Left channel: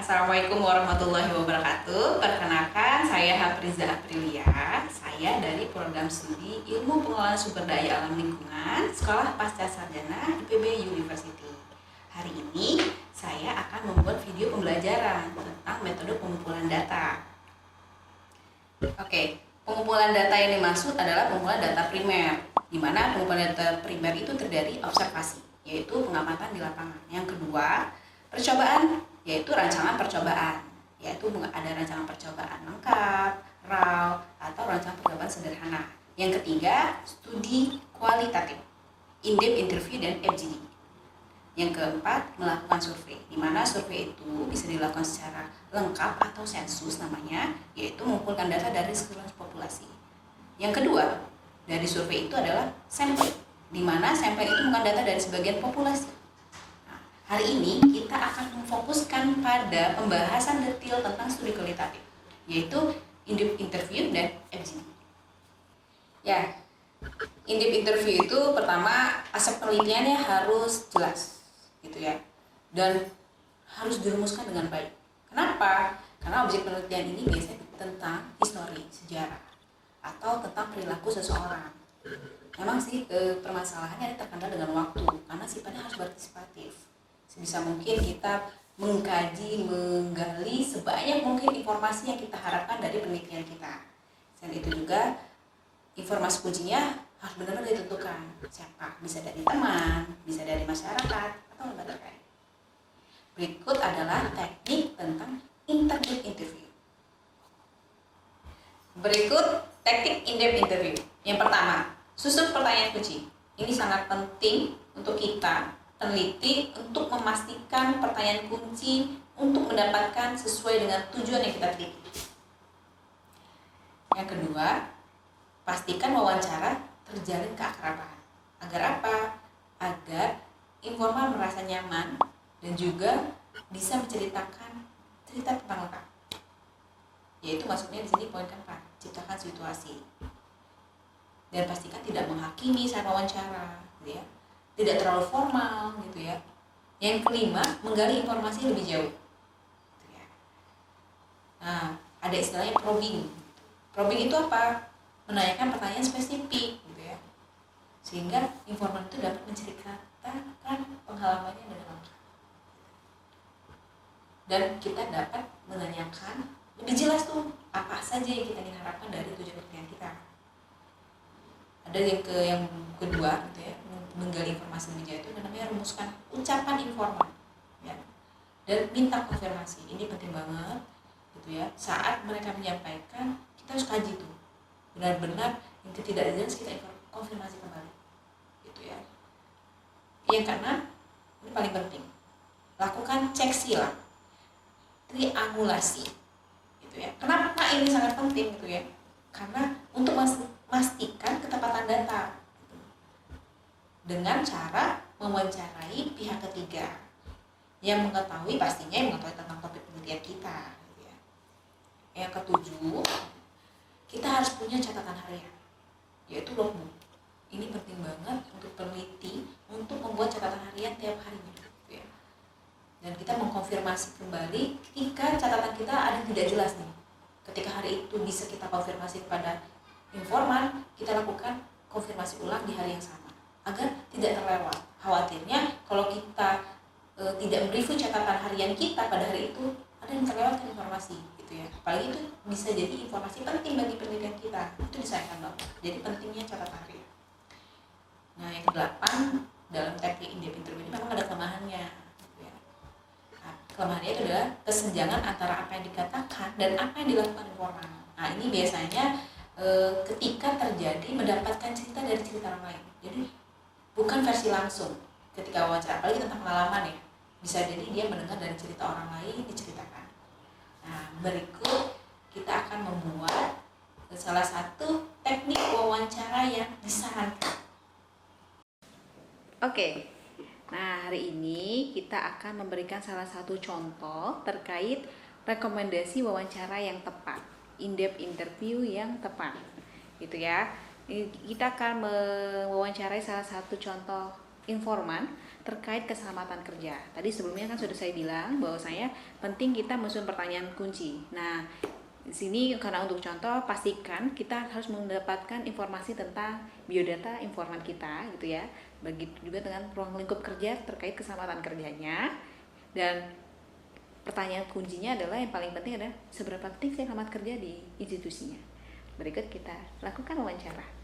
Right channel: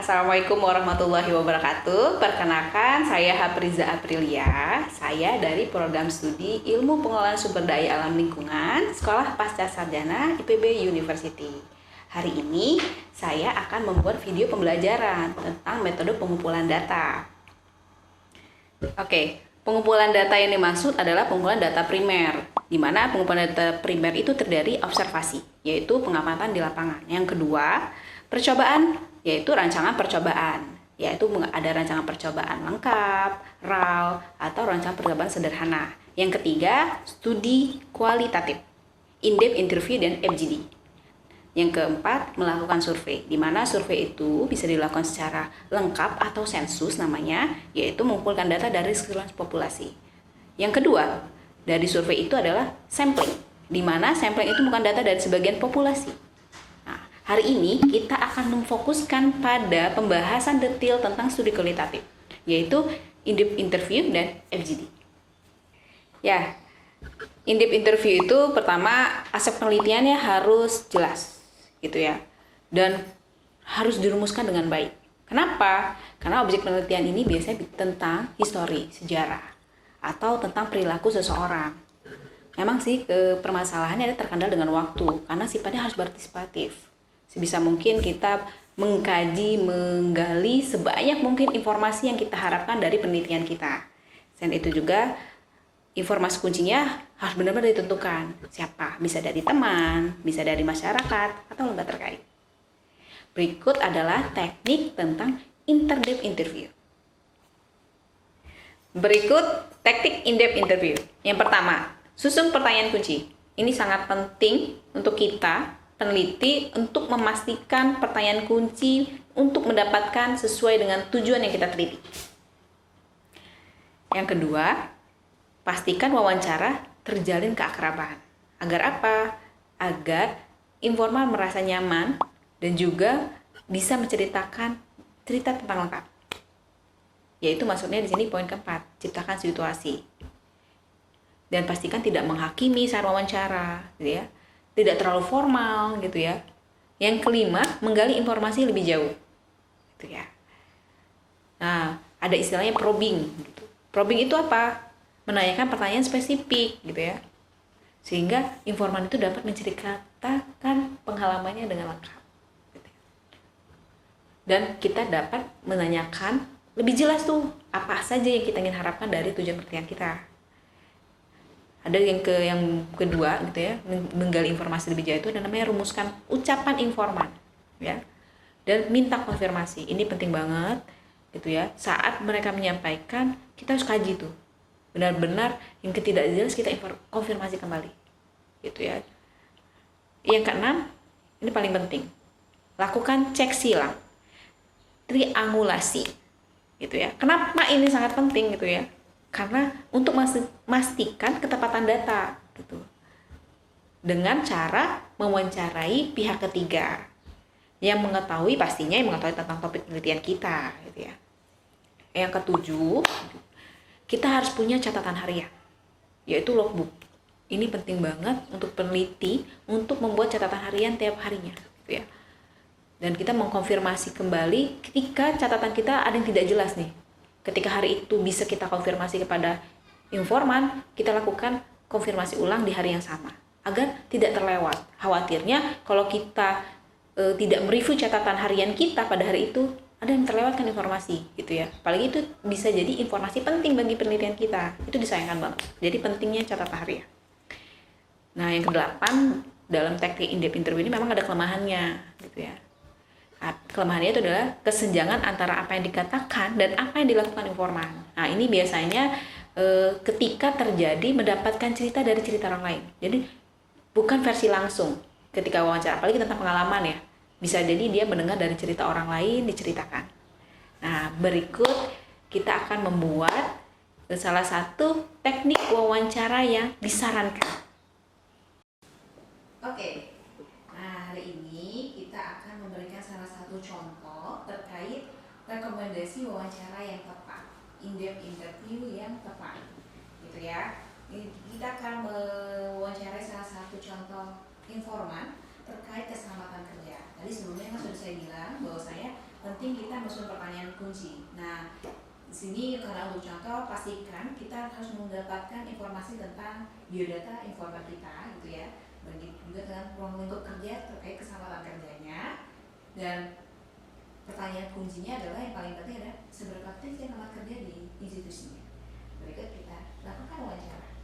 Assalamualaikum warahmatullahi wabarakatuh. Perkenalkan, saya Hafriza Aprilia. Saya dari program studi Ilmu Pengelolaan Sumber Daya Alam Lingkungan, Sekolah Pasca Sarjana IPB University. Hari ini saya akan membuat video pembelajaran tentang metode pengumpulan data. Oke, pengumpulan data yang dimaksud adalah pengumpulan data primer, di mana pengumpulan data primer itu terdiri observasi, yaitu pengamatan di lapangan. Yang kedua, percobaan, yaitu rancangan percobaan, yaitu ada rancangan percobaan lengkap, raw, atau rancangan percobaan sederhana. Yang ketiga, studi kualitatif, in-depth interview dan FGD. Yang keempat, melakukan survei, di mana survei itu bisa dilakukan secara lengkap atau sensus namanya, yaitu mengumpulkan data dari seluruh populasi. Yang kedua, dari survei itu adalah sampling, di mana sampling itu bukan data dari sebagian populasi. Nah, hari ini kita akan memfokuskan pada pembahasan detail tentang studi kualitatif, yaitu in-depth interview dan FGD. Ya, in-depth interview itu pertama aspek penelitiannya harus jelas, gitu ya, dan harus dirumuskan dengan baik. Kenapa? Karena objek penelitian ini biasanya tentang histori, sejarah, atau tentang perilaku seseorang. Memang sih permasalahannya ada terkendala dengan waktu, karena sifatnya harus partisipatif. Sebisa mungkin kita mengkaji, menggali sebanyak mungkin informasi yang kita harapkan dari penelitian kita. Selain itu juga informasi kuncinya harus benar-benar ditentukan siapa, bisa dari teman, bisa dari masyarakat, atau lembaga terkait. Berikut adalah teknik tentang in-depth interview. Berikut teknik in-depth interview. Yang pertama, susun pertanyaan kunci. Ini sangat penting untuk kita, peneliti, untuk memastikan pertanyaan kunci untuk mendapatkan sesuai dengan tujuan yang kita teliti. Yang kedua, pastikan wawancara terjalin keakraban. Agar apa? Agar informan merasa nyaman dan juga bisa menceritakan cerita tentang lengkap. Yaitu maksudnya di sini poin keempat, ciptakan situasi. Dan pastikan tidak menghakimi saat wawancara, gitu ya. Tidak terlalu formal, gitu ya. Yang kelima, menggali informasi lebih jauh. Gitu ya. Nah, ada istilahnya probing, gitu. Probing itu apa? Menanyakan pertanyaan spesifik, gitu ya, sehingga informan itu dapat menceritakan pengalamannya dengan lengkap, dan kita dapat menanyakan lebih jelas tuh apa saja yang kita ingin harapkan dari tujuan penelitian kita. Ada yang kedua, gitu ya, menggali informasi lebih jauh itu namanya rumuskan ucapan informan, ya, dan minta konfirmasi. Ini penting banget, gitu ya. Saat mereka menyampaikan, kita harus kaji tuh benar-benar yang tidak jelas, kita konfirmasi kembali, gitu ya. Yang keenam, ini paling penting, lakukan cek silang, triangulasi, gitu ya. Kenapa ini sangat penting, gitu ya? Karena untuk memastikan ketepatan data, gitu, dengan cara mewawancarai pihak ketiga yang mengetahui, pastinya yang mengetahui tentang topik penelitian kita, gitu ya. Yang ketujuh, kita harus punya catatan harian, yaitu logbook. Ini penting banget untuk peneliti untuk membuat catatan harian tiap harinya, gitu ya. Dan kita mengkonfirmasi kembali ketika catatan kita ada yang tidak jelas nih. Ketika hari itu bisa kita konfirmasi kepada informan, kita lakukan konfirmasi ulang di hari yang sama agar tidak terlewat. Khawatirnya kalau kita tidak mereview catatan harian kita pada hari itu, ada yang terlewatkan informasi, gitu ya. Apalagi itu bisa jadi informasi penting bagi penelitian kita. Itu disayangkan banget. Jadi pentingnya catatan harian. Nah, yang kedelapan, dalam teknik in-depth interview ini memang ada kelemahannya, gitu ya. Kelemahannya itu adalah kesenjangan antara apa yang dikatakan dan apa yang dilakukan informan. Nah, ini biasanya ketika terjadi mendapatkan cerita dari cerita orang lain. Jadi bukan versi langsung ketika wawancara, apalagi tentang pengalaman ya. Bisa jadi dia mendengar dari cerita orang lain diceritakan. Nah, berikut kita akan membuat salah satu teknik wawancara yang disarankan. Oke, nah hari ini kita akan memberikan salah satu contoh terkait rekomendasi wawancara yang tepat, in-depth interview yang tepat, gitu ya. Kita akan mewawancarai salah satu contoh informan terkait keselamatan kerja. Tadi sebelumnya kan sudah saya bilang bahwa saya penting kita menyusun pertanyaan kunci. Nah, di sini karena untuk contoh, pastikan kita harus mendapatkan informasi tentang biodata informan kita gitu ya. Begitu juga dengan ruang lingkup kerja terkait keselamatan kerjanya. Dan pertanyaan kuncinya adalah yang paling penting adalah seberapa penting sih selamat kerja di institusinya. Berikut kita lakukan wawancara.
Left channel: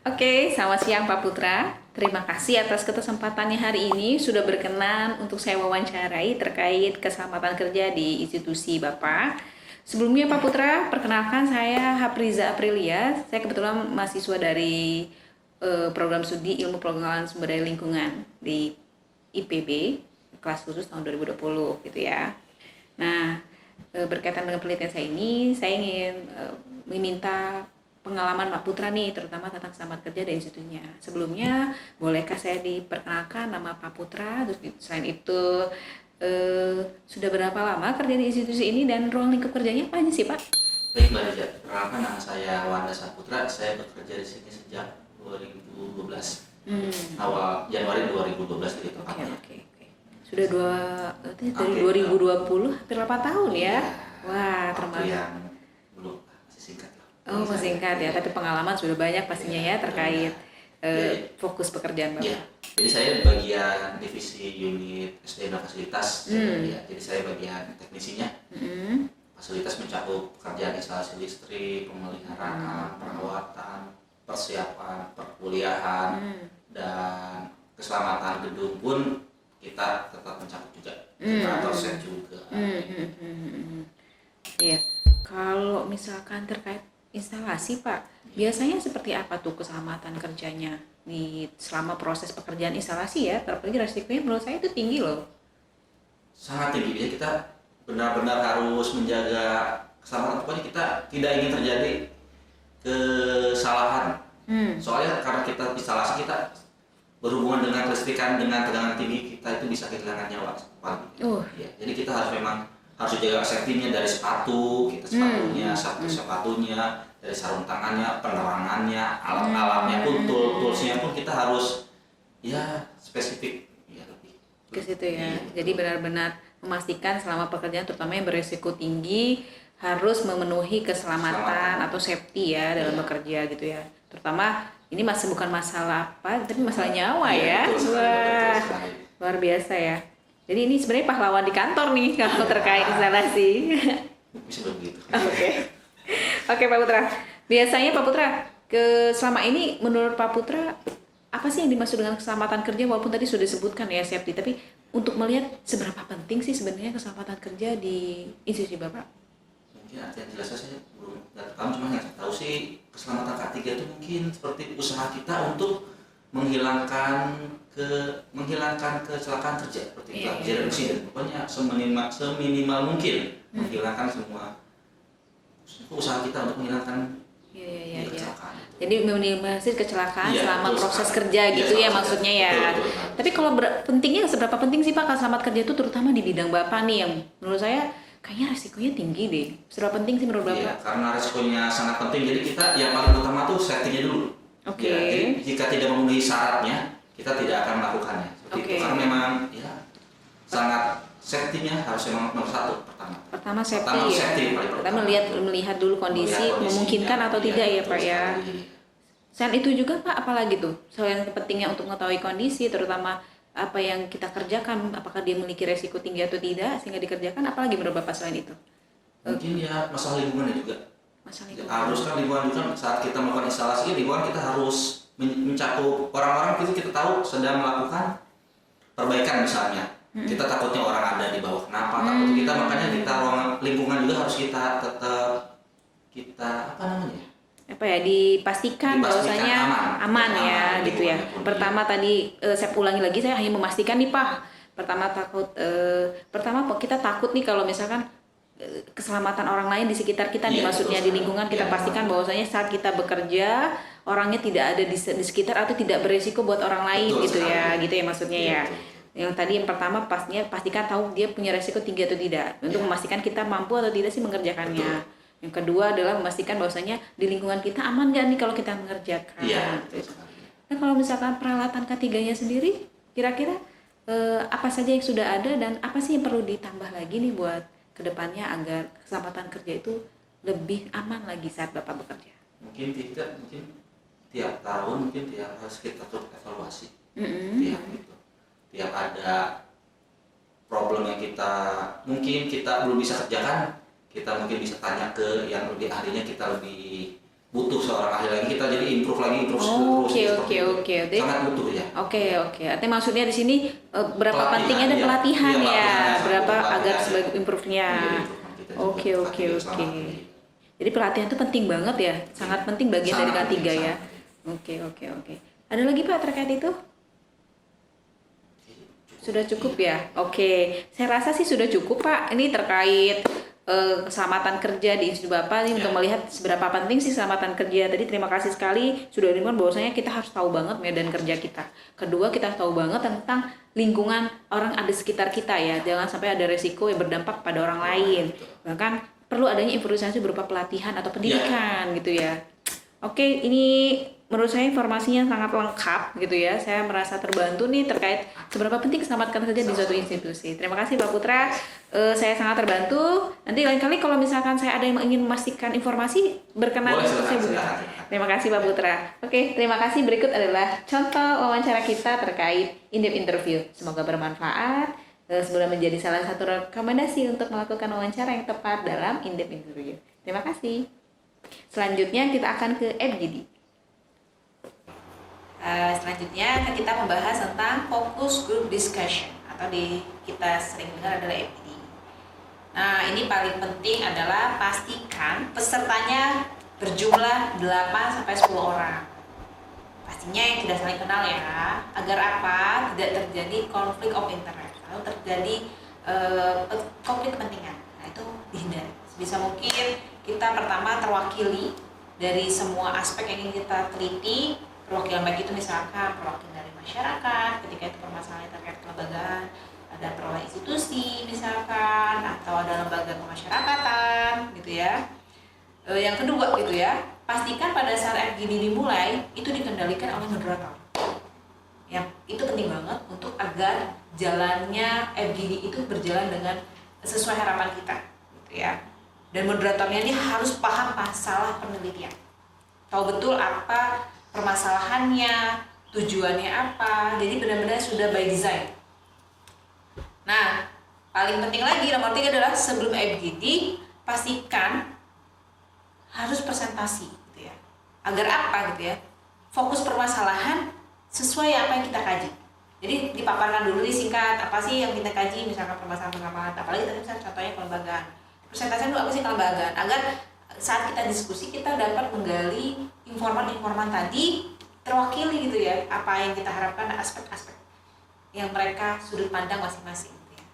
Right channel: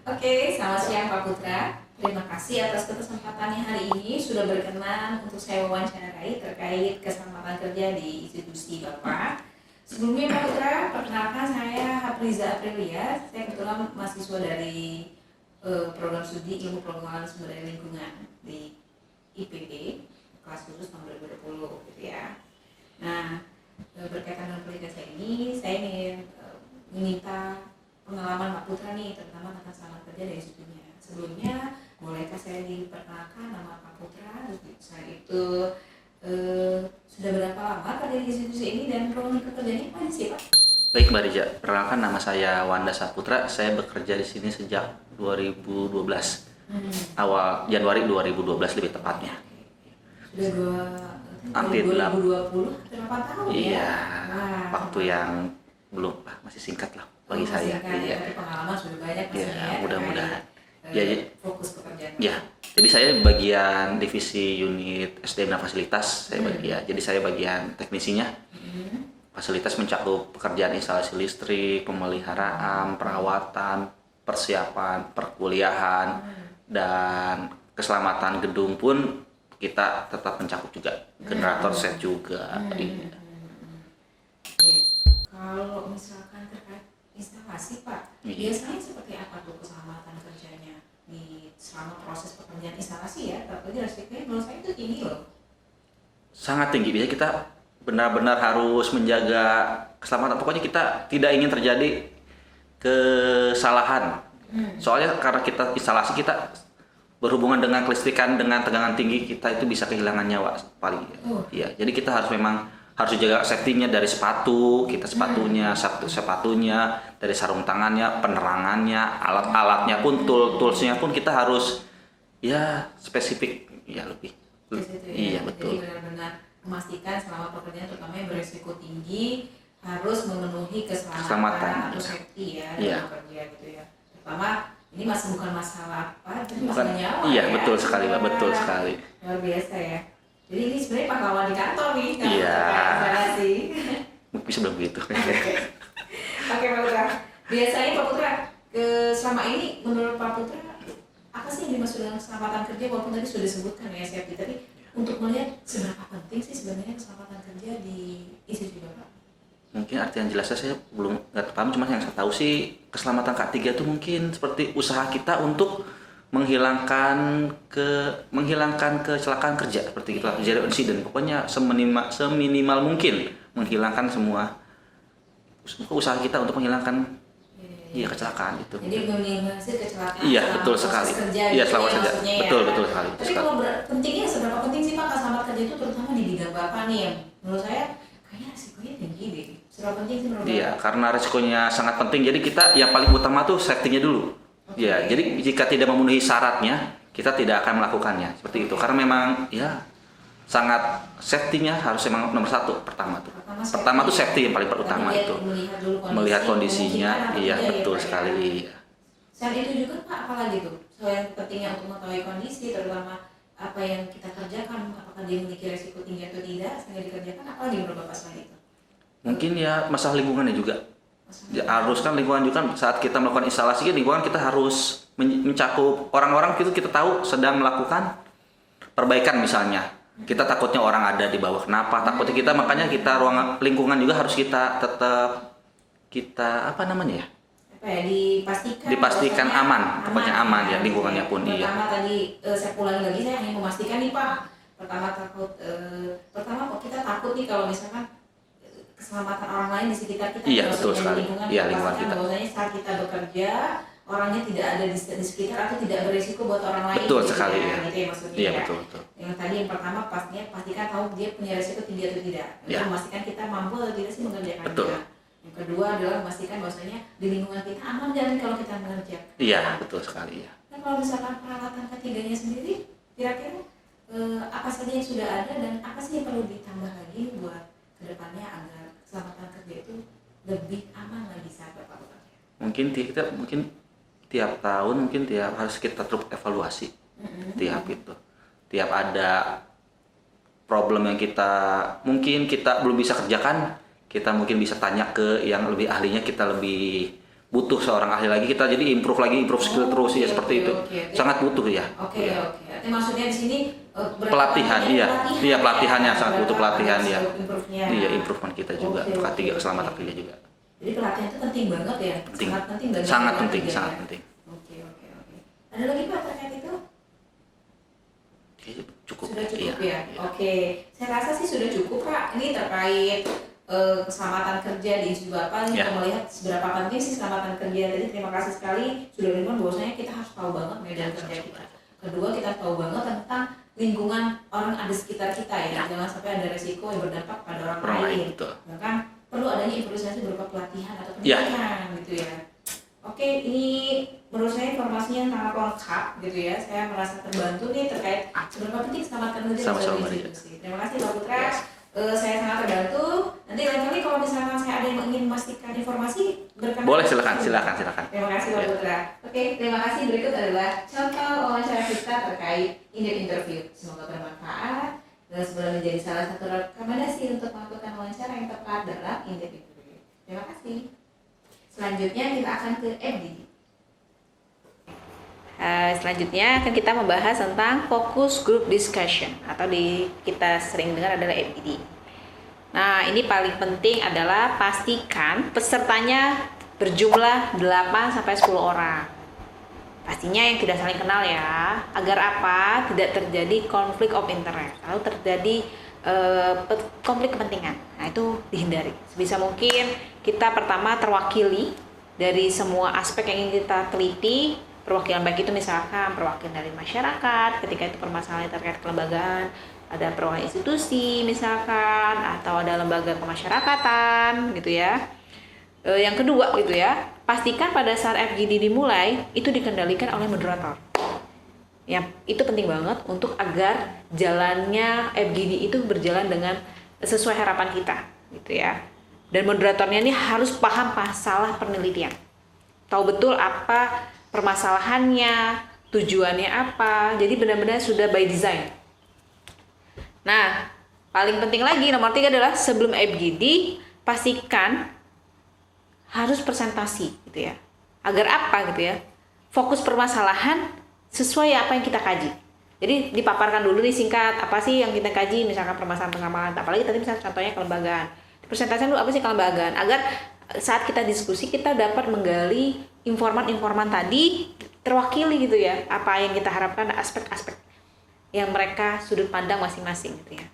Oke, selamat siang Pak Putra. Terima kasih atas kesempatannya hari ini sudah berkenan untuk saya wawancarai terkait keselamatan kerja di institusi Bapak. Sebelumnya Pak Putra, perkenalkan saya Hapriza Aprilia. Saya kebetulan mahasiswa dari program studi Ilmu Pengembangan Sumber Daya Lingkungan di IPB kelas khusus tahun 2020 gitu ya. Nah, berkaitan dengan penelitian saya ingin meminta pengalaman Pak Putra nih, terutama tentang selamat kerja di institusinya. Sebelumnya, bolehkah saya diperkenalkan nama Pak Putra? Terus selain itu, sudah berapa lama kerja di institusi ini dan ruang lingkup kerjanya apa aja sih Pak? Baik Mbak Rija, perkenalkan nama saya Wanda Saputra. Saya bekerja di sini sejak 2012, awal Januari 2012 lebih tepatnya. Oke. Sudah dari 2020, hampir 8 tahun ya? Iya, Wah, waktu yang belum, masih singkat lah. Oh, masih singkat ya, tapi pengalaman sudah banyak pastinya ya terkait fokus pekerjaan Bapak. Ya, jadi saya bagian divisi unit SDM dan fasilitas. Jadi saya bagian teknisinya. Fasilitas mencakup pekerjaan instalasi listrik, pemeliharaan, perawatan, persiapan, perkuliahan, dan keselamatan gedung pun kita tetap mencakup juga. Generator set juga. Iya. Kalau misalkan terkait instalasi Pak, biasanya seperti apa tuh keselamatan kerjanya di selama proses pekerjaan instalasi ya? Terlebih resikonya menurut saya itu tinggi loh. Sangat tinggi. Jadi kita benar-benar harus menjaga keselamatan. Pokoknya kita tidak ingin terjadi kesalahan. Soalnya karena kita instalasi, kita berhubungan dengan kelistrikan, dengan tegangan tinggi, kita itu bisa kehilangan nyawa paling. Ya, jadi kita harus jaga safety-nya dari sepatu, sepatunya, dari sarung tangannya, penerangannya, alat-alatnya pun, toolsnya pun kita harus ya spesifik ya lebih. Ke situ ya. Iya, jadi benar-benar memastikan selama pekerjaan terutama yang beresiko tinggi harus memenuhi keselamatan atau safety ya dalam bekerja gitu ya. Terutama ini masih bukan masalah apa, tapi masalah nyawa ya. Betul sekali. Luar biasa ya. Jadi ini sebenarnya pahlawan di kantor nih kalau terkait instalasi. Bisa bilang begitu. Oke Pak Putra. Biasanya Pak Putra selama ini menurut Pak Putra apa sih yang dimaksud dengan keselamatan kerja, walaupun tadi sudah disebutkan ya safety, tapi untuk melihat seberapa penting sih sebenarnya keselamatan kerja di institusi Bapak? Mungkin artian jelasnya saya belum nggak paham, cuma yang saya tahu sih keselamatan K3 itu mungkin seperti usaha kita untuk menghilangkan kecelakaan kerja seperti itu, zero incident. Pokoknya seminimal mungkin menghilangkan semua usaha kita untuk menghilangkan kecelakaan itu. Jadi minimalisir kecelakaan selama proses kerja gitu ya maksudnya ya. Betul. Tapi kalau pentingnya seberapa penting sih Pak selamat kerja itu, terutama di bidang Bapak nih yang menurut saya kayaknya resikonya tinggi deh. Seberapa penting sih menurut Bapak? Iya, karena resikonya sangat penting. Jadi kita yang paling utama tuh safety-nya dulu. Ya, jadi jika tidak memenuhi syaratnya, kita tidak akan melakukannya. Seperti itu. Karena memang ya sangat safety-nya harus memang nomor satu pertama tuh. Pertama tuh safety yang paling pertama. Kita melihat dulu kondisi memungkinkan atau tidak ya Pak ya. Selain itu juga Pak, apalagi tuh? Selain pentingnya untuk mengetahui kondisi, terutama apa yang kita kerjakan, apakah dia memiliki resiko tinggi atau tidak sehingga dikerjakan, apalagi menurut Bapak selain itu? Mungkin ya masalah lingkungannya juga. Ya, harus kan lingkungan juga saat kita melakukan instalasi, lingkungan kita harus mencakup orang-orang itu kita tahu sedang melakukan perbaikan misalnya. Kita takutnya orang ada di bawah. Kenapa? Takutnya kita, makanya kita ruang lingkungan juga harus kita tetap dipastikan aman ya, gitu ya. Pertama tadi saya ulangi lagi, saya hanya memastikan nih Pak. Pertama kita takut nih kalau misalkan keselamatan orang lain di sekitar kita, maksudnya di lingkungan, kita pastikan bahwasanya saat kita bekerja orangnya tidak ada di sekitar atau tidak beresiko buat orang lain gitu ya maksudnya ya. Betul. Yang tadi yang pertama pastikan tahu dia punya resiko tinggi atau tidak, untuk memastikan kita mampu atau tidak sih mengerjakannya. Betul. Yang kedua adalah memastikan bahwasanya di lingkungan kita aman nggak nih kalau kita mengerjakan. Iya, betul sekali. Nah kalau misalkan peralatan K3-nya sendiri, kira-kira apa saja yang sudah ada dan apa sih yang perlu ditambah lagi nih buat kedepannya agar keselamatan kerja itu lebih aman lagi saat Bapak bekerja? Mungkin tiap tahun harus kita terus evaluasi. Tiap ada problem yang mungkin kita belum bisa kerjakan, kita mungkin bisa tanya ke yang lebih ahlinya, kita lebih butuh seorang ahli lagi, kita jadi improve skill terus seperti itu. Sangat butuh ya. Oke. Artinya maksudnya di sini berapa pentingnya ada pelatihan ya? Pelatihan yang sangat butuh agar pelatihan. Improve-nya. Iya, improvement kita juga. Keselamatan kerja juga. Jadi pelatihan itu penting banget ya, sangat penting bagian dari K3 ya. Oke. Ada lagi Pak terkait itu? Sudah cukup ya. Oke, saya rasa sih sudah cukup Pak. Ini terkait keselamatan kerja di institusi Bapak ini untuk melihat seberapa penting sih keselamatan kerja. Tadi terima kasih sekali sudah diingatkan bahwasanya kita harus tahu banget medan kerja kita. Kedua, kita harus tahu banget tentang lingkungan orang ada sekitar kita ya. Jangan sampai ada resiko yang berdampak pada orang lain. Bahkan perlu adanya improvisasi berupa pelatihan atau pendidikan gitu ya. Oke, ini menurut saya informasinya sangat lengkap gitu ya. Saya merasa terbantu nih terkait seberapa penting keselamatan kerja di suatu institusi. Terima kasih Pak Putra. Saya sangat terbantu. Nanti lain kali kalau misalkan saya ada yang ingin memastikan informasi berkenan. Boleh, silakan. Terima kasih Pak Putra. Oke, terima kasih. Berikut adalah contoh wawancara kita terkait in-depth interview. Semoga bermanfaat. Sebelum menjadi salah satu rekomendasi untuk melakukan wawancara yang tepat dalam in-depth interview. Terima kasih. Selanjutnya kita akan ke FGD. Selanjutnya akan kita membahas tentang focus group discussion atau kita sering dengar adalah FGD. Nah, ini paling penting adalah pastikan pesertanya berjumlah 8 sampai 10 orang. Pastinya yang tidak saling kenal ya, agar apa? Tidak terjadi konflik of interest atau terjadi konflik kepentingan. Nah, itu dihindari. Sebisa mungkin kita pertama terwakili dari semua aspek yang ingin kita teliti. Perwakilan baik itu misalkan perwakilan dari masyarakat ketika itu permasalahan terkait kelembagaan, ada perwakilan institusi misalkan, atau ada lembaga kemasyarakatan gitu ya. Yang kedua gitu ya, pastikan pada saat FGD dimulai itu dikendalikan oleh moderator. Ya, itu penting banget untuk agar jalannya FGD itu berjalan dengan sesuai harapan kita gitu ya. Dan moderatornya ini harus paham masalah penelitian, tahu betul apa permasalahannya, tujuannya apa. Jadi benar-benar sudah by design. Nah, paling penting lagi nomor 3 adalah sebelum FGD pastikan harus presentasi gitu ya. Agar apa gitu ya? Fokus permasalahan sesuai apa yang kita kaji. Jadi dipaparkan dulu nih singkat apa sih yang kita kaji, misalkan permasalahan pengaman, apalagi tadi misalnya contohnya kelembagaan. Presentasi dulu apa sih kelembagaan agar saat kita diskusi kita dapat menggali informan tadi terwakili gitu ya, apa yang kita harapkan, aspek-aspek yang mereka sudut pandang masing-masing gitu ya.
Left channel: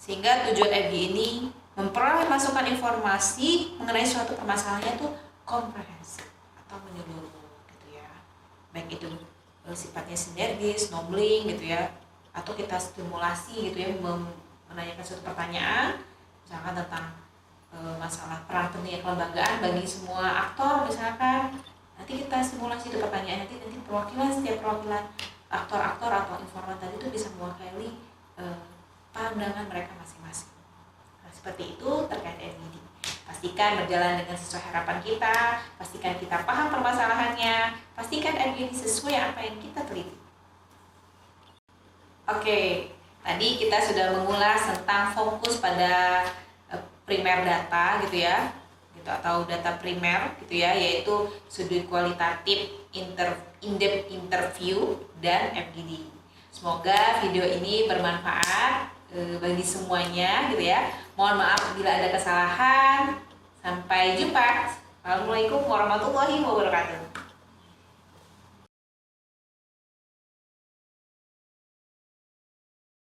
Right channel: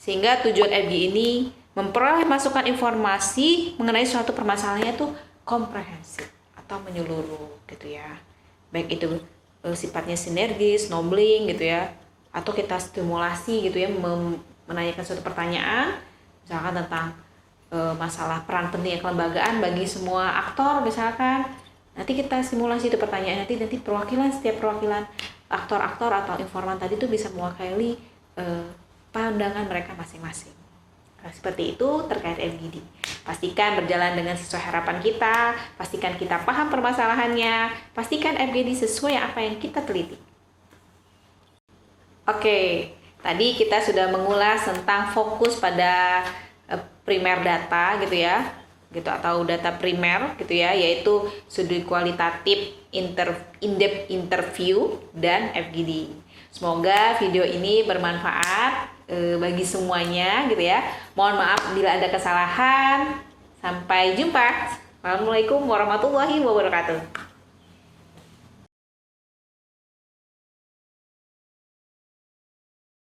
Sehingga tujuan FG ini memperoleh masukan informasi mengenai suatu permasalahannya itu komprehensif atau menyeluruh gitu ya. Baik itu sifatnya sinergis, knowing gitu ya, atau kita stimulasi gitu ya, menanyakan suatu pertanyaan misalkan tentang masalah peran penting kelembagaan bagi semua aktor misalkan. Nanti kita simulasi itu pertanyaan, nanti setiap perwakilan aktor-aktor atau informan tadi itu bisa mewakili pandangan mereka masing-masing. Nah, seperti itu terkait FGD. Pastikan berjalan dengan sesuai harapan kita, pastikan kita paham permasalahannya, pastikan FGD sesuai apa yang kita teliti. Oke, tadi kita sudah mengulas tentang fokus pada primer data gitu ya, gitu atau data primer gitu ya, yaitu sudut kualitatif, in-depth interview dan FGD. Semoga video ini bermanfaat bagi semuanya gitu ya. Mohon maaf bila ada kesalahan. Sampai jumpa. Assalamualaikum warahmatullahi wabarakatuh.